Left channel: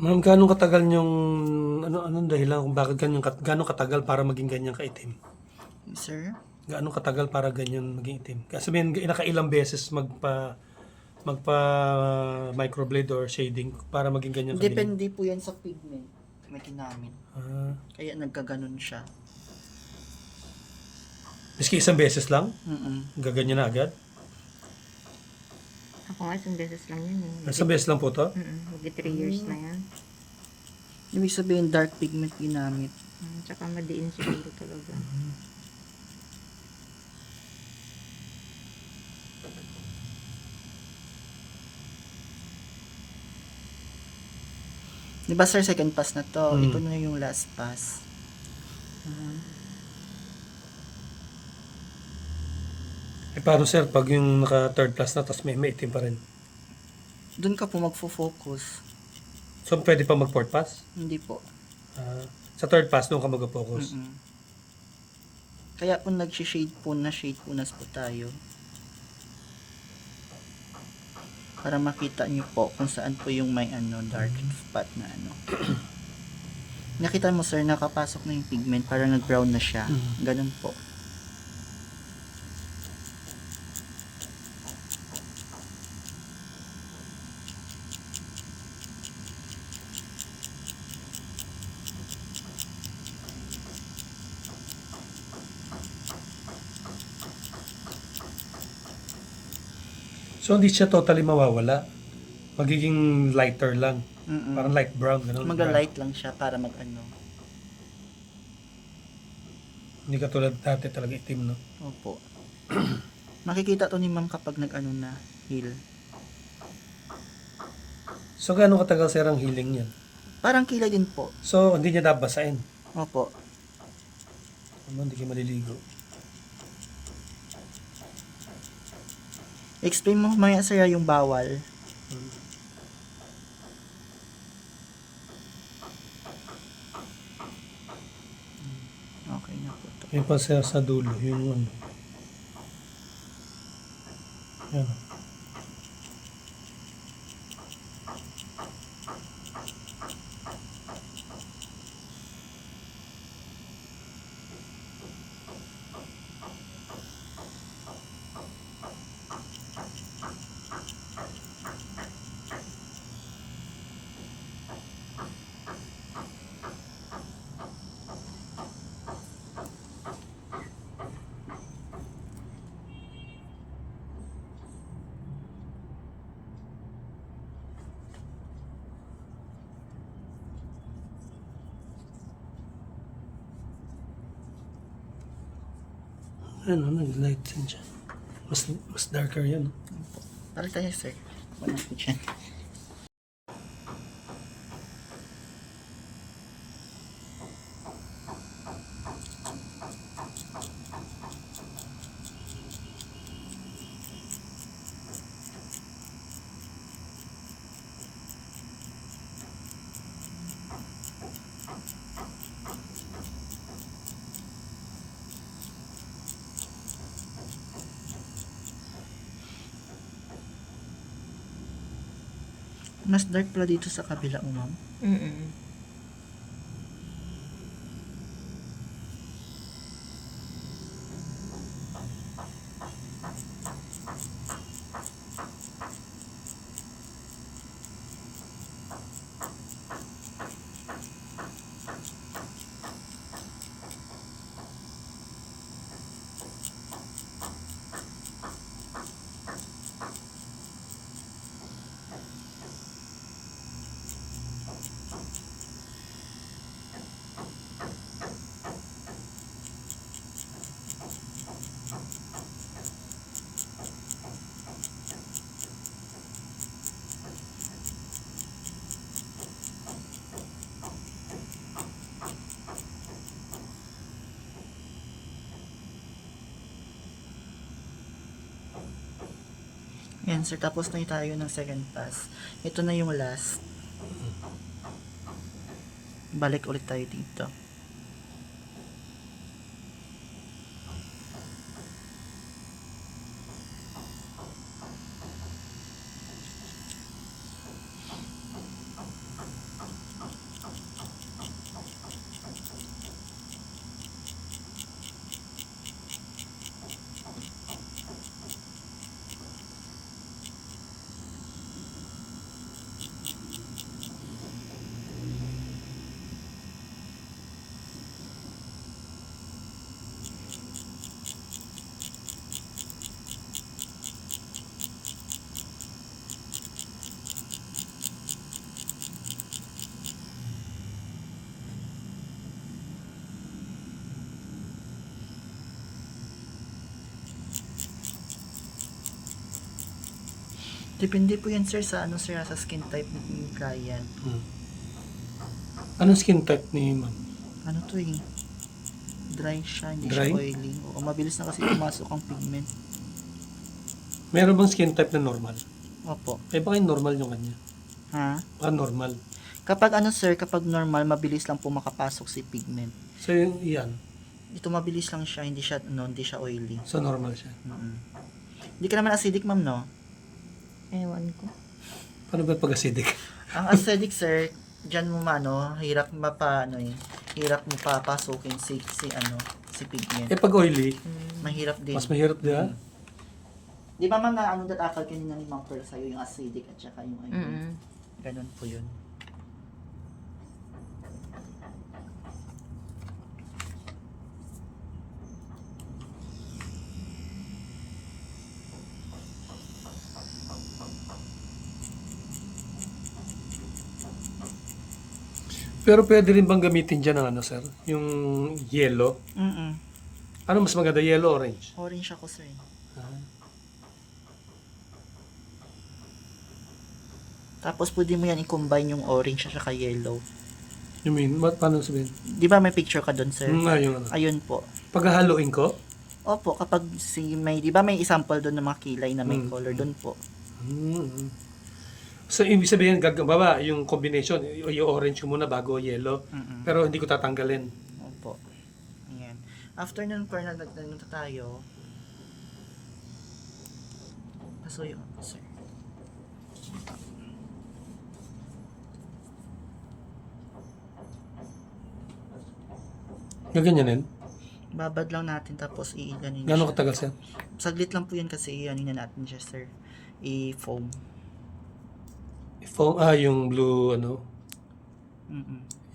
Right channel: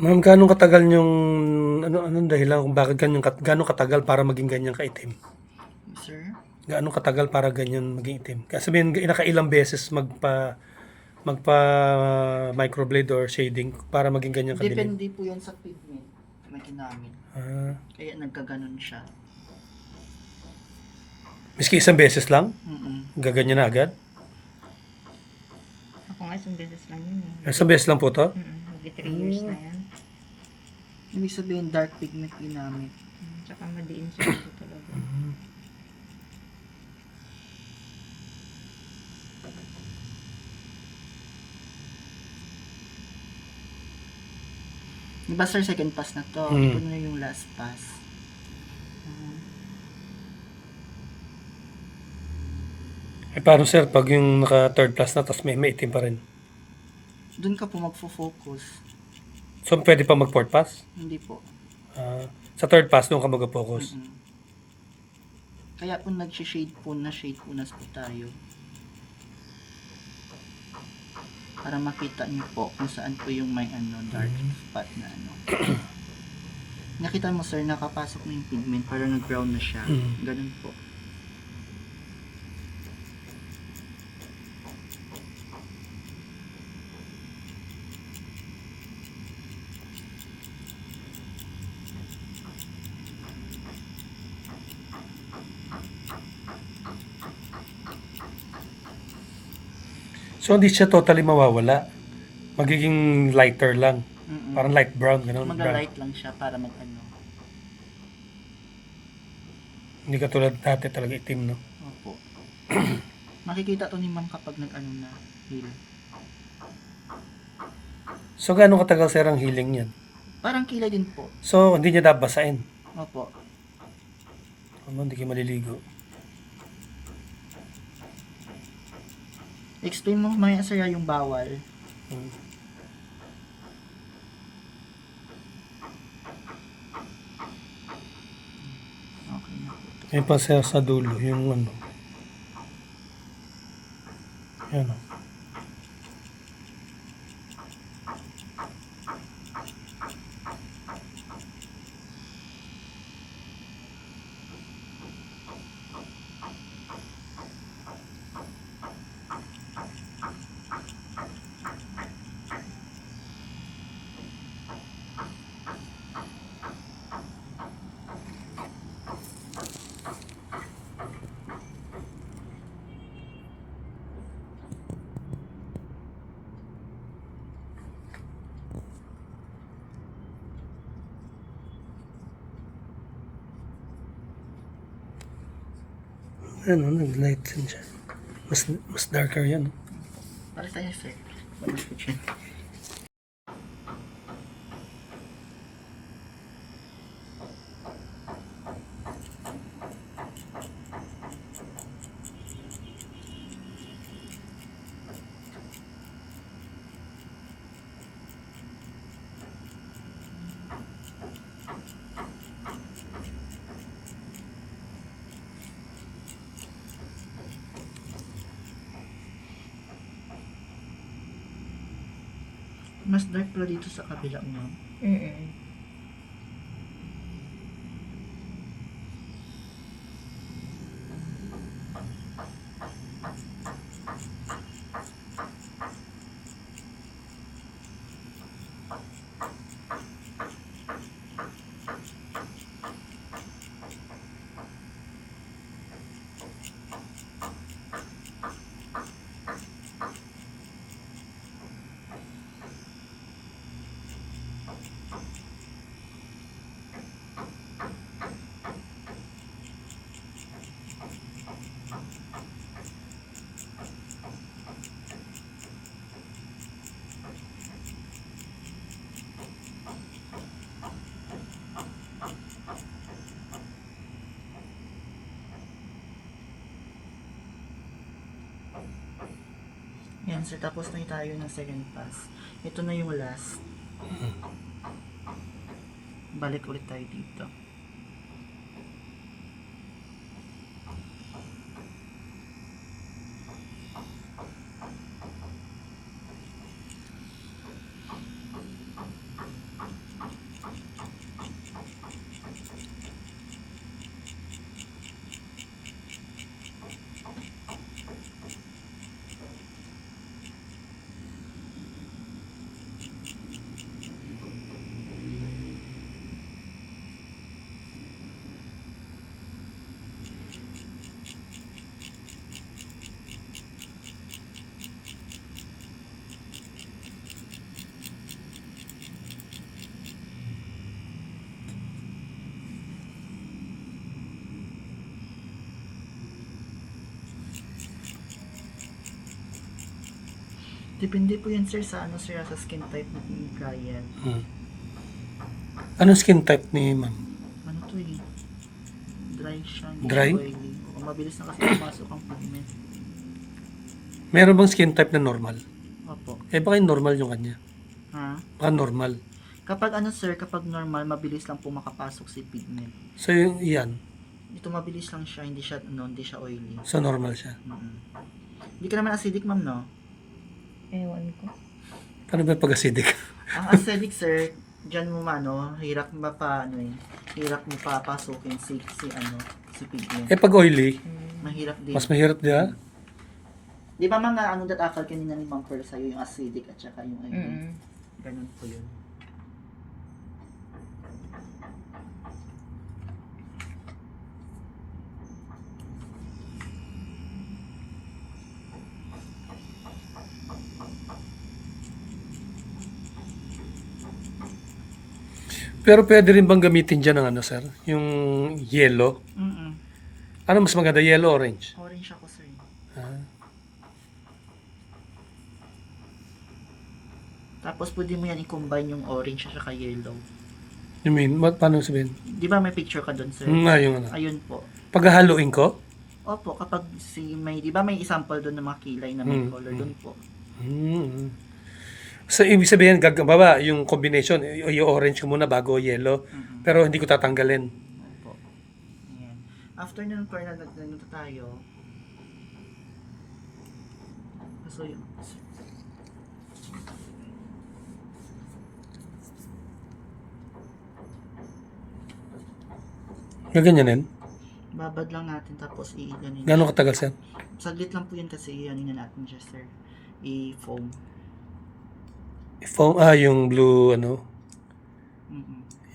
Ma'am, gaano katagal yung anong dahilan kung bakit gaano katagal para maging ganyan kaitim? Sir? Gaano katagal para ganyan maging itim? Kaya sabihin, nakailang beses magpa microblade or shading para maging ganyan kadilim? Depende po yan sa pigment na ginamit. Ah, Kaya nagkaganon siya. miski isang beses lang, Mm-mm. gaganyan na agad? Ako nga isang beses lang yun. Isang beses lang po to? Magti 3 years na yan. Ibig sabihin dark pigment ginamit. Tsaka madiin siguro talaga. Di ba sir, second pass na to? Mm. Ito na yung last pass. Eh paano sir, pag yung naka third class na tapos may itim pa rin? Doon ka po magfo-focus. So pwede pa mag fourth pass? Hindi po. Sa third pass doon ka mag-focus? Mm-mm. Kaya kung nag-shade po na po tayo. Para makita nyo po kung saan po yung may dark spot na Nakita mo sir, nakapasok na yung pigment, para nag-brown na siya. Ganun po. So hindi siya totally mawawala. Magiging lighter lang. Mm-mm. Parang light brown, gano'n. Mag-light lang siya para Hindi katulad dati talaga itim, no? Opo. Makikita to ni ma'am kapag na, heal. So gaano katagal sir ang healing niyan? Parang kilay din po. So hindi niya dapat basahin. Opo. Hindi kayo maliligo. Explain mo maya sir yung bawal. Okay na po. Yung pa sir sa dulo, yung ano. Yan o. Yan o, nag-light din siya. Mas darker yan. Para tayo sir. Pumasok siya. Mas dark pala dito sa kabila mo, ma'am. Yan sir, tapos na tayo ng second pass. Ito na yung last. Balik ulit tayo dito. Depende po yan sir sa ano sir, sa skin type ng client. Anong skin type ni ma'am? Ano to eh? Dry siya, hindi Dry? siya oily. Oo, mabilis na kasi pumasok ang pigment. Meron bang skin type na normal? Opo. Eh baka yung normal yung kanya. Ha? Baka normal. Kapag ano sir, kapag normal, mabilis lang po makapasok si pigment. So yung yan. Dito mabilis lang siya, hindi siya oily. So normal siya. Hindi ka naman acidic ma'am, no? Ewan ko. Paano ba pag acidic? Ang acidic sir, diyan mo hirap hirap mo papasukin si pigment. Eh pag oily, Mahirap din. mas mahirap diba? Di ba mga datakal kanina ni Ma'am Pearl sa'yo, yung acidic at saka yung oily. Mm. Ganun po yun. Pero pwede rin bang gamitin dyan ng ano sir? Yung yellow? Ano mas maganda? Yellow, orange? Orange ako sir. Tapos pwede mo yan i-combine yung orange at saka yellow. You mean, paano sabihin? Di ba may picture ka doon sir? Yung ano. Ayun po. Paghahaluin ko? Opo, kapag di ba may example doon ng mga kilay na may color doon po. So, ibig sabihin, baba, yung combination, yung orange ko muna bago yellow. Pero hindi ko tatanggalin. Opo. Ayan. After nun, per na tayo. So, yun. Sir. Gaganyanin? Babad lang natin tapos i-ganin. Gano'ng katagal sir? Saglit lang po yun kasi i-anin na natin siya, sir. I-foam. Foam, yung blue, ano?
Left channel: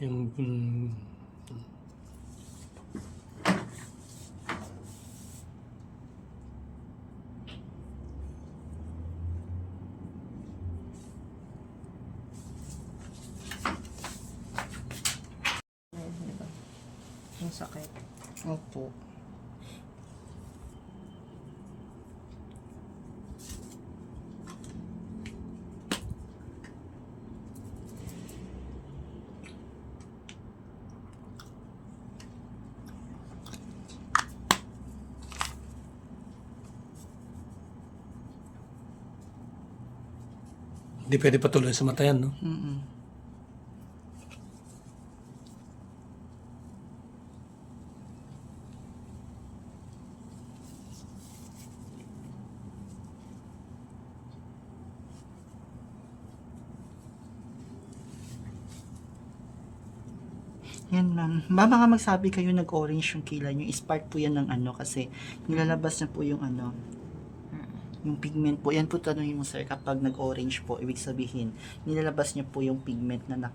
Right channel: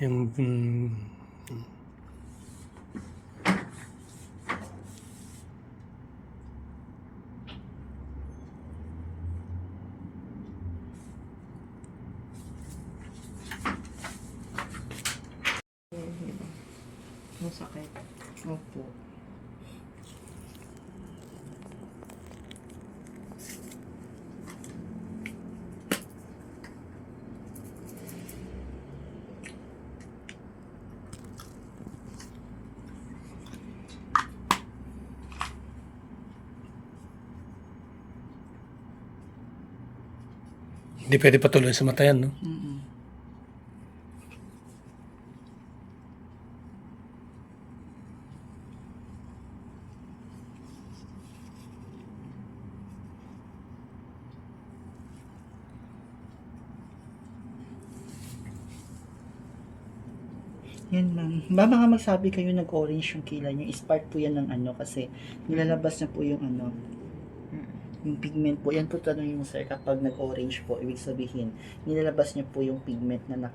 Yung, Diba? Yung sakit. Opo. hindi pwede patuloy sa mata yan, no? Yan, ma'am. Baka magsabi kayo nag-orange yung kilay nyo. Spark po yan ng kasi nilalabas na po yung yung pigment po. Yan po tanongin mo, sir, kapag nag-orange po, ibig sabihin, nilalabas niya po yung pigment na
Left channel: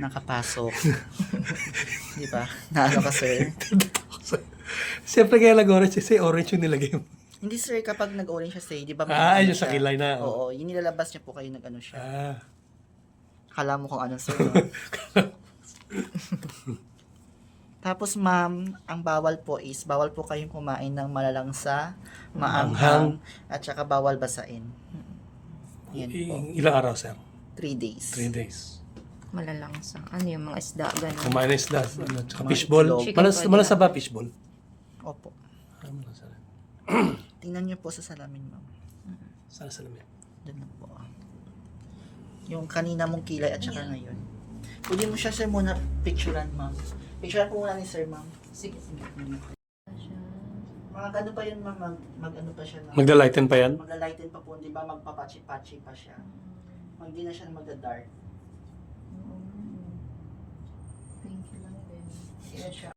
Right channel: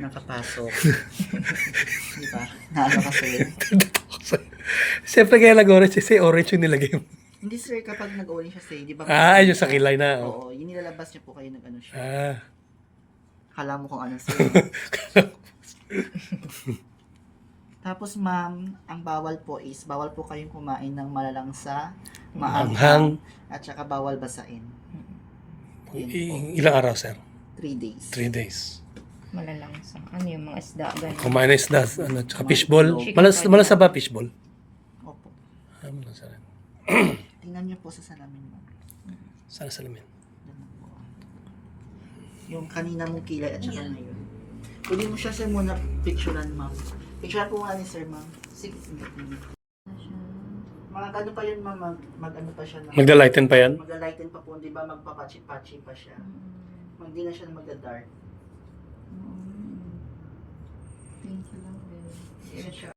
nakapasok. Di ba? Kasi. Siyempre kaya nag-orange kasi orange yung nilagay mo. Hindi, sir, kapag nag-orange siya, di ba? Yung sa kilay na. Oo, yung nilalabas niya po kayo siya. Kala mo kung ano, sir. Tapos ma'am, ang bawal po kayong kumain ng malalangsa, maanghang, at saka bawal basain. Yan po. Ilang araw, sir? 3 days. 3 days. Malalangsa. Ano yung mga isda, gano'n. Kumain na isda, tsaka fishball. Chicken Malas na ba fishball? Opo. Malas na. Tingnan niyo po sa salamin, ma'am. Sana salamin. Doon na po. Yung kanina mong kilay at saka ngayon. Pwede mo siya, sir, muna picturean, ma'am. Picturean po muna ni sir, ma'am. Sige. Mga ano pa yun, ma'am, mag-ano pa siya. Magda-lighten pa yan? Magla-lighten pa po, di ba? Magpapachi-pachi pa siya. Hindi na siya magda-dark. Thank you lang din. Yan siya.